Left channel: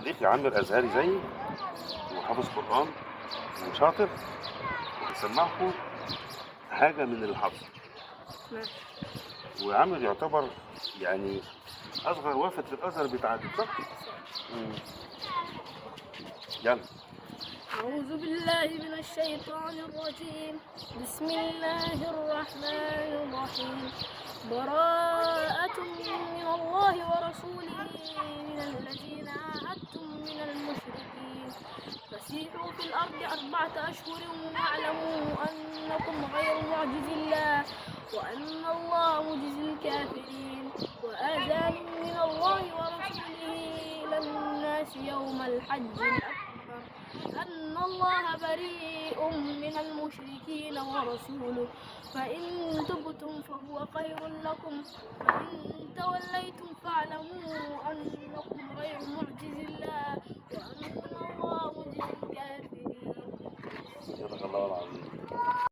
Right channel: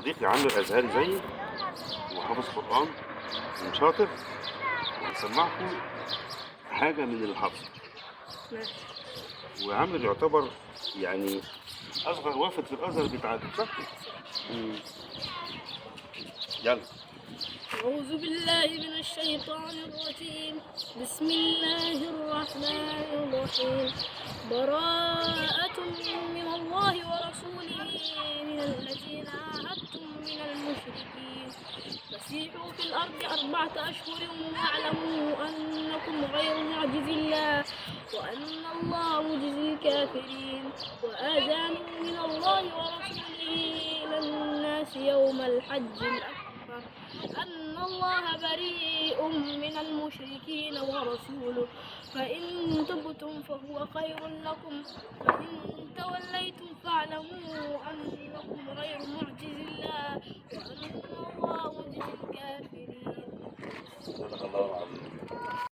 صديقي عامر أزهري زيي وحافظ قرآن وشاطر، وهيسمعكم حاجة من اللي حافظه. ماشي. وعامر يعتبر يعني أصغر وافد في الأزهر بيتعدد، صح؟ مم. يلا. أعوذ بالله من الشيطان الرجيم. بسم الله الرحمن الرحيم. براءة من الله ورسوله من الذين عاهدتم من المشركين فسيحوا في الأرض 4 أشهر واعلموا أنكم غير معجز الله وأن الله مجزي الكافرين. وآذان من الله ورسوله إلى الناس يوم الحج الأكبر أن الله بريء من المشركين ورسوله فإن تبتم فهو خير لكم وإن توليتم فاعلموا أنكم غير معجز الله وأن الله مجزي الكافرين. صدق الله العظيم.